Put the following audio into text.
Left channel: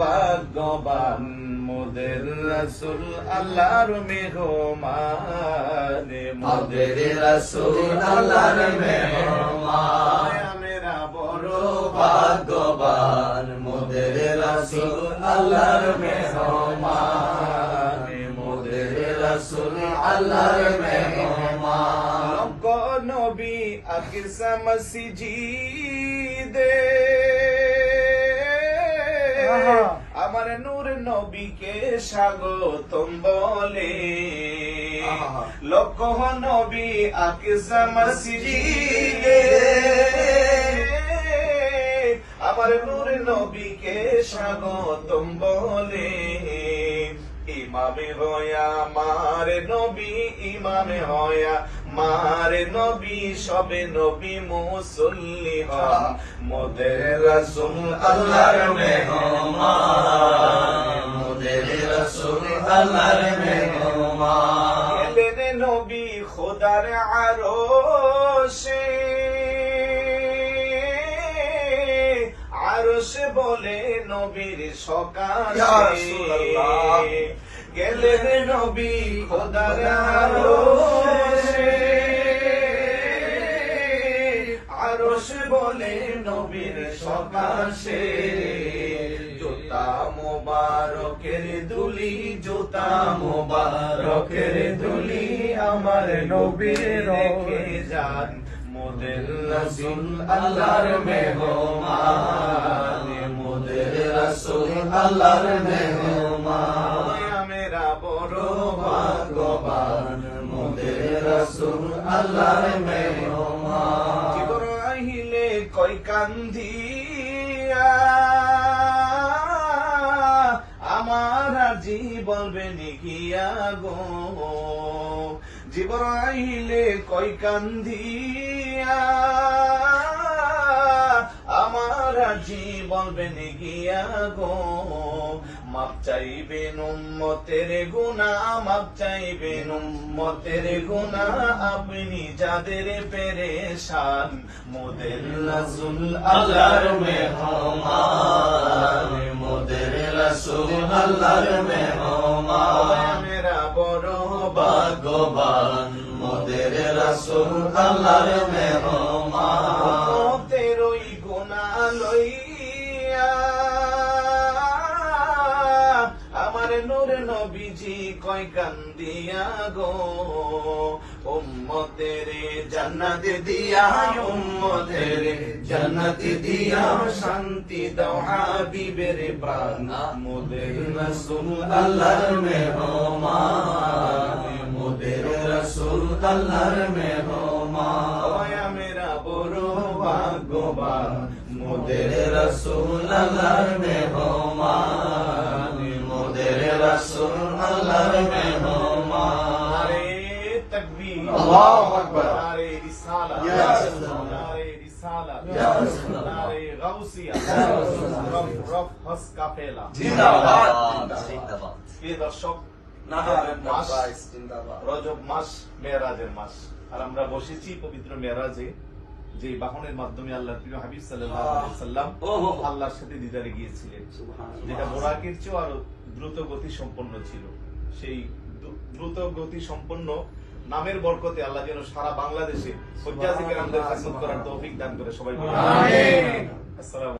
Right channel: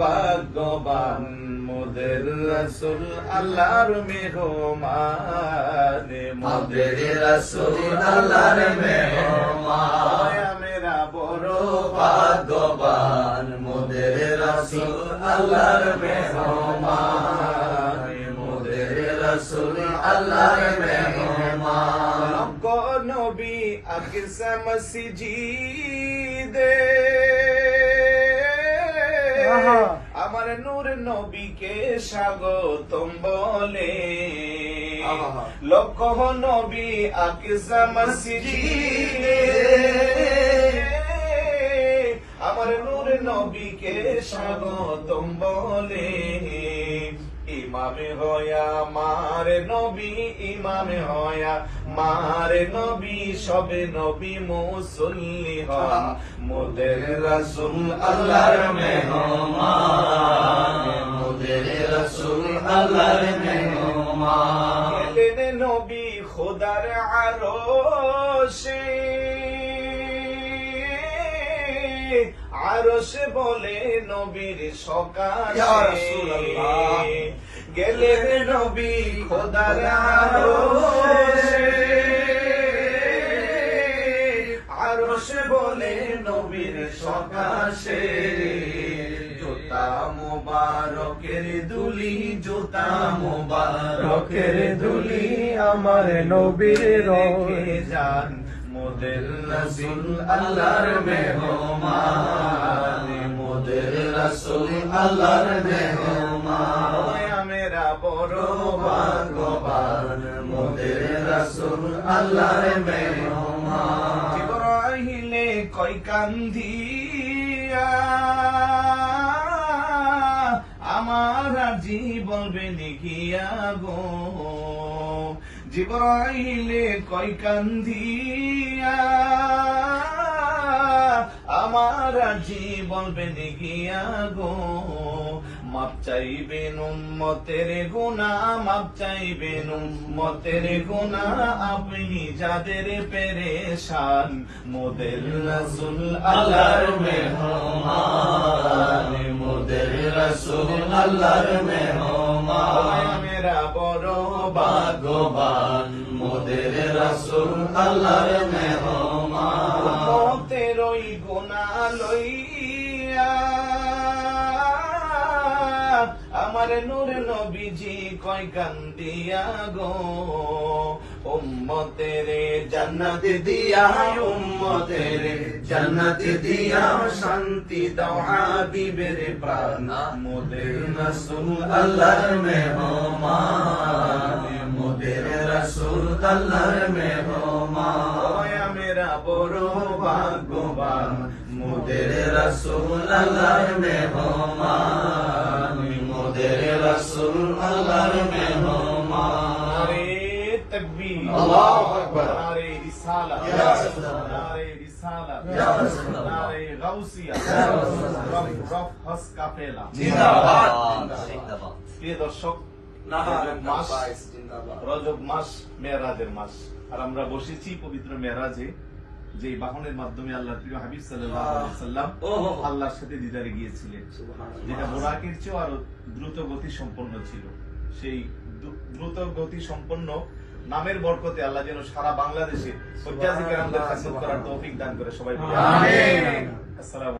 ভাগ্যবান মোদের রাসূল আল্লাহর মেহমান, মোদের রাসূল আল্লাহর মেহমান। মেরা বড় ভাগ্যবান মোদের রাসূল আল্লাহর মেহমান, মোদের রাসূল আল্লাহর মেহমান। লক্ষ নবী আকসা মসজিদে আমার নূর নবীকে স্বাগতম বলে। লক্ষ নবী আকসা মসজিদে আমার নূর নবীকে স্বাগতম বলে। ইমামে হয়া মার নবী, ইমামে হয়া মার নবী, সবে নবী মুসল্লি হন মোদের রাসূল আল্লাহর মেহমান, মোদের রাসূল আল্লাহর মেহমান। গেলেন নবী খোদার আরশে, আরশে বলে নবীর সকাশে। গেলেন নবী খোদার আরশে, আরশে বলে নবীর সকাশে। জুতা মোবারকের দুলি, জুতা মোবারকের দুলি আমার নবীর রেখে যান মোদের রাসূল আল্লাহর মেহমান, মোদের রাসূল আল্লাহর মেহমান। মেরা বড় ভাগ্যবান মোদের রাসূল আল্লাহর মেহমান। জিবরাইলে কই কান্দিয়া আমার আজি বলবেন গিয়া গো। জিবরাইলে কই কান্দিয়া আমার আজি বলবেন গিয়া গো। মাপ চাইবেন উম্মতের গুনাহ, মাপ চাইবেন উম্মতের গুনাহ, আপনি যাদের পেরেশান মোদের রাসূল আল্লাহর মেহমান, মোদের রাসূল আল্লাহর মেহমান। মেরা বড় ভাগ্যবান মোদের রাসূল আল্লাহর মেহমান। তেরোই গুনাহ লইয়া আমার নূর নবীজি কই কান্দিয়া গো। উম্মতের জান্নাত দিয়া, উম্মতের জান্নাত দিয়া, শান্তি দাও হাবিবের প্রাণ মোদের রাসূল আল্লাহর মেহমান, মোদের রাসূল আল্লাহর মেহমান। মেরা বড় ভাগ্যবান মোদের রাসূল আল্লাহর মেহমান, মোদের রাসূল আল্লাহর মেহমান। নারে তাকবীর, আল্লাহু আকবার। নারে রিসালাত, ইয়া রাসূলুল্লাহ। নারে রিসালাত, ইয়া রাসূলুল্লাহ। নারে গাউসিয়া, ইয়া রাসূলুল্লাহ। রফ রফ হস কাফেলা। জিন্দাবাদ। প্রিয় দর্শক, রজব মাস মেরাজের মাস, আর আমরা বসেছি পবিত্র মেরাজে, যে বাহনের মাধ্যমে আল্লাহ প্রিয় হাবিব সাল্লাল্লাহু আলাইহি সাল্লাম আল্লাহর সাথে দিদারে গিয়েছিলেন, যেটা বোরাকের চেয়েও আরো দ্রুত গতি সম্পন্ন ছিল। সেই দ্রুত গতি সম্পন্ন নামের বরকতে আল্লাহ যেন সারা বাংলাদেশে হজ্জাজি কেরামদের খেদমত করার তৌফিক দান করে। সবাই বলি আমিন। আসসালামু